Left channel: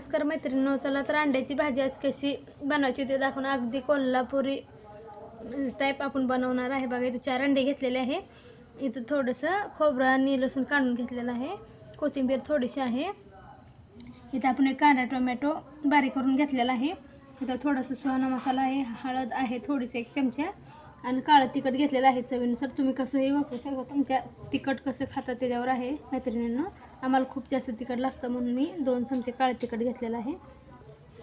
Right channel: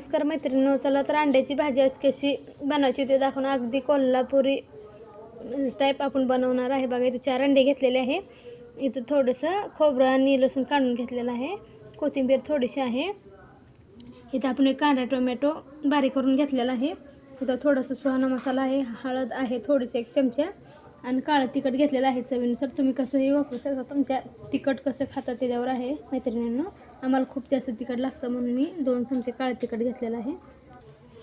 नमस्कार मैत्रिणींनो, चला तर अंड्याची भाजी आज कशी बनवायची ते दाखवून अगदी कोल्हापुरी टाईप आपण बनवणार आहे. बघा इथं 4 अंडे घेतलेले आहे. इथं थोडंसं खोबरं आणि लसूण काढून घेतलेलं आहे. कोथिंबीर थोडीशी आहे. इथं आपण एक कांदा टोमॅटो बारीक करून घेतलेला आहे. इथं थोडंसं सुहाणा मसाला आहे, हळद आहे थोडीशी 1 चमचा आणि काळं तिखट घेतलेलं आहे चवीनुसार. तुम्ही कसंही वापरू शकता, तुमच्या तिखट कसं खाता त्याच्यावर आहे मैत्रिणींनो. आम्हाला खूप जास्त तिखट लागतं म्हणून मी 2 चमचे काळे तिखट घेतलेलं आहे.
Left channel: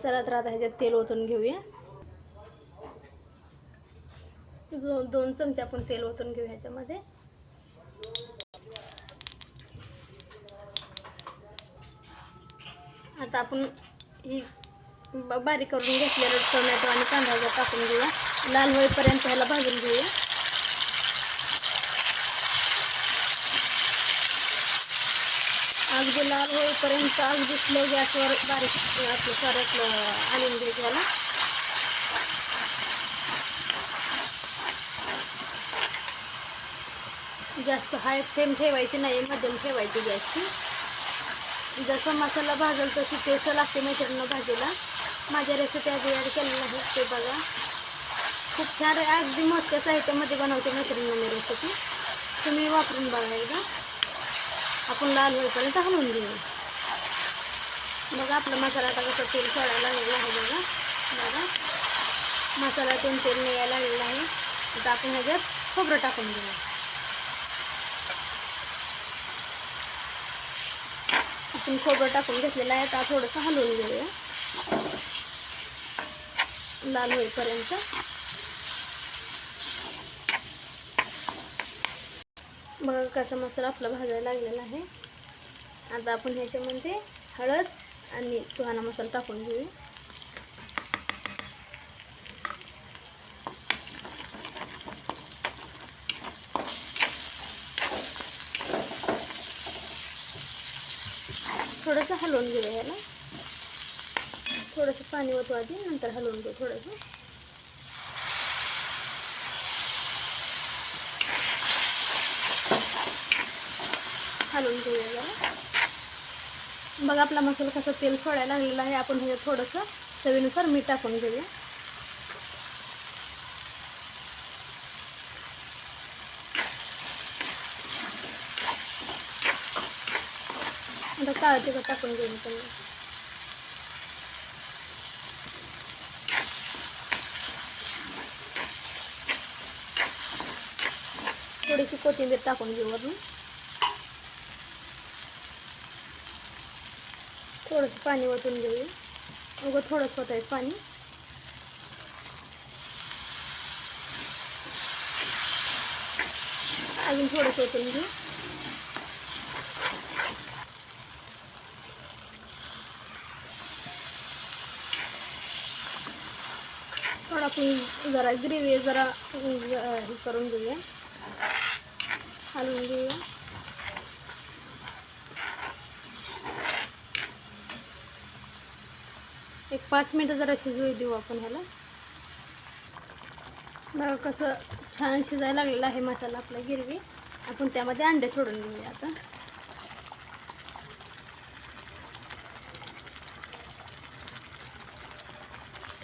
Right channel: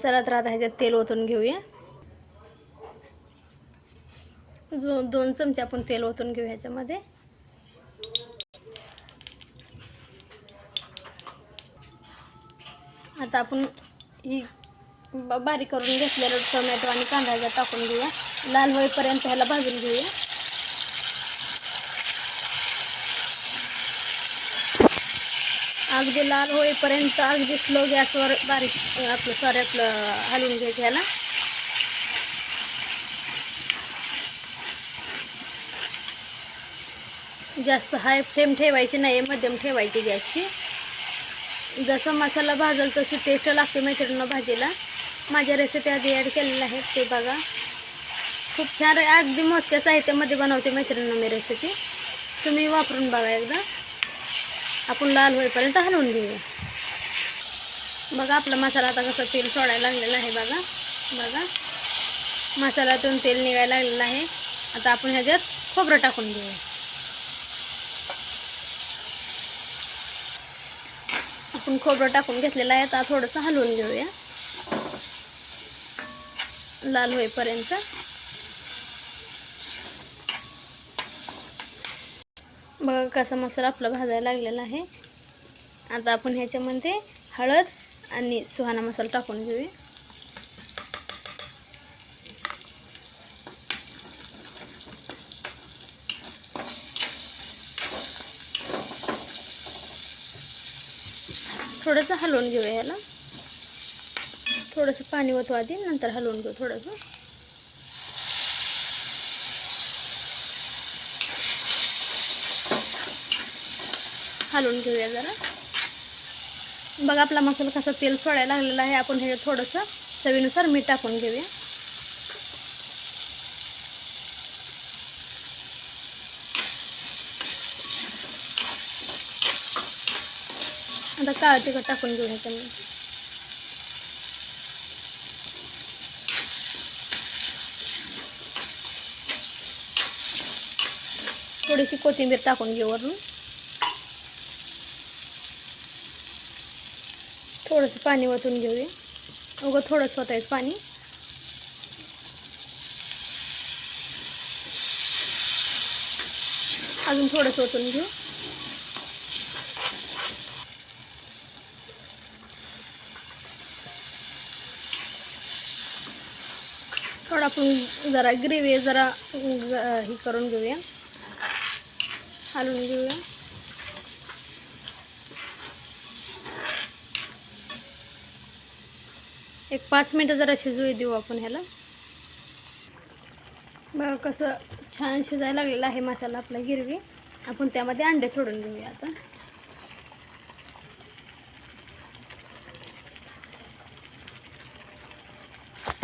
चला तर आता ह्याच्यात तेल ओतून घेऊया. 2 चमचे आपण तेल ओतून घेऊ ह्याच्यामध्ये. आता आपण ही बारीक करून घेतलेलं टोमॅटो आणि कांदा ह्याच्यात टाकून घेऊया. लाल होईपर्यंत ह्याला भाजून घेऊया. अगदी लाल होईपर्यंत अगदी स्लो गॅसवर बारीक आपलं हलवून घ्यायचं ह्याला. जास्त हाय फ्लेम ठेवायची नाही, मध्यम ठेवायची गॅसची. जसं मसाला भाजल तशी टेस्ट लागते मैत्रिणींना भाजीला. माझ्या रेसिपी आधी ॲड केलेल्या आहेत ते बघा. खूप छान अगदी मोजक्या साहित्यामध्ये बनवते मैत्रिणींना मी रेसिपी. तुम्ही वापरून बघा एकदा. आपण लाल होईपर्यंत हलवून घेऊया. बघा आपला मसाला आता कसं तेल सोडायला लागलेला आहे. बघा मसाल्यातून तेल निघायला लागलेलं आहे. आता आपण ह्याच्यात खोबरं टाकून घेऊया. आपण खोबरं टाकून घेतलेलं आहे. आता थोडंसं हलवून घेऊया लाल होईपर्यंत. बघा कसा मसाला आपला भाजायला लागलेला आहे. आता आपण ह्याच्यामध्ये हळद आणि सुहाणा मसाला टाकून घेऊया. थोडंसं हलवून घेऊया याला. थोडंसं पाणी ओतू आधी, नंतर हलवून घेऊ थोडंसं. हलवून घेऊया जरा. बघा आपला मसाला कसा तेल सोडायला लागलेला आहे. आपण हे थोडंसं चवीनुसार मीठ टाकून घेऊया. आता काळं तिखट टाकून घेऊया त्यांनी. थोडीशी कोथिंबीर टाकून घेऊ वरून. थोडंसं पाणी ओतून घेऊया. उगं थोडंसं ओतायचं पाणी. अजून थोडंसं ओतून घेऊ. थोडं आपण जरा ग्रेव्ही जरा हे करून घेऊया, हलवून घेऊया. एक 5 मिनटं जरा शिजू देऊ आपण ह्याला. बघा कसं छान शिजायला लागलेला आहे मसाला आपला गिरवी. आपण त्यामध्ये अंडे सोडून घेऊया. आता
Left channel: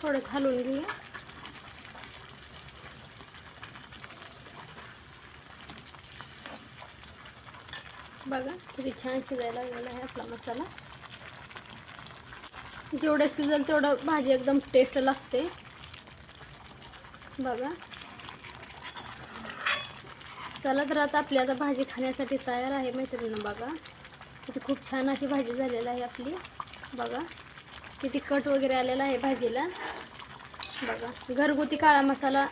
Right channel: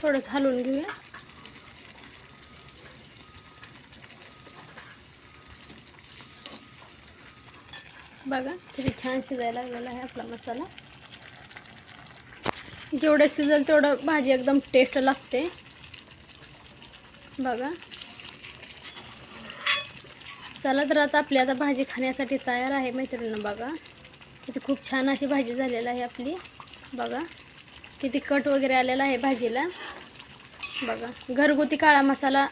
थोडंसं हलवून घेऊया. बघा किती छान शिजायला लागलेला आहे आपला मसाला. जेवढं शिजेल तेवढं भाजी एकदम टेस्ट लागते. बघा चला तर आता आपली आता भाजी खाण्यासाठी तयार आहे मैत्रिणींनो. बघा किती खूप छान अशी भाजी झालेली आहे आपली. बघा किती कट वगैरे आलेला आहे भाजीला. बघा घरगुती काळा मसाला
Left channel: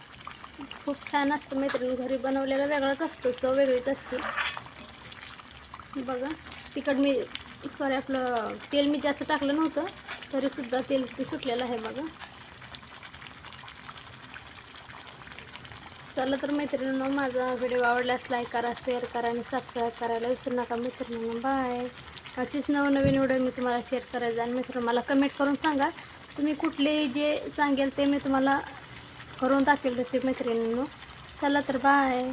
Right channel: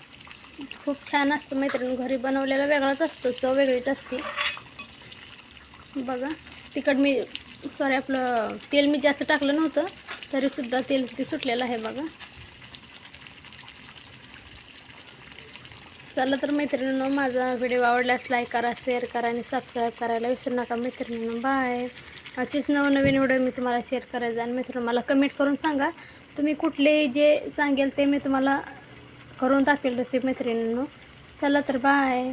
खूप छान असतो मैत्रिणी. घरी बनवलेला वेगळाच असतो, चव वेगळीच असते. बघा तिखट आपलं तेल मी जास्त टाकलं नव्हतं तरीसुद्धा तेल किती सुटलेलं आहे. बघा चला तर मैत्रिणींनो, माझा व्हिडिओ आवडल्यास लाईक करा, शेअर करा आणि सबस्क्राईब करायला विसरू नका मैत्रिणींनो. बाय. अशीच नवनवीन व्हिडिओ मी तुम्हाला शेअर करायचा. आणि मित्रांनो मला कमेंट करून सांगा तुम्ही कुठलेही जे सांगेल ते मी तुम्हाला करून टाकेल रेसिपी मैत्रिणींनो. चला तर बाय.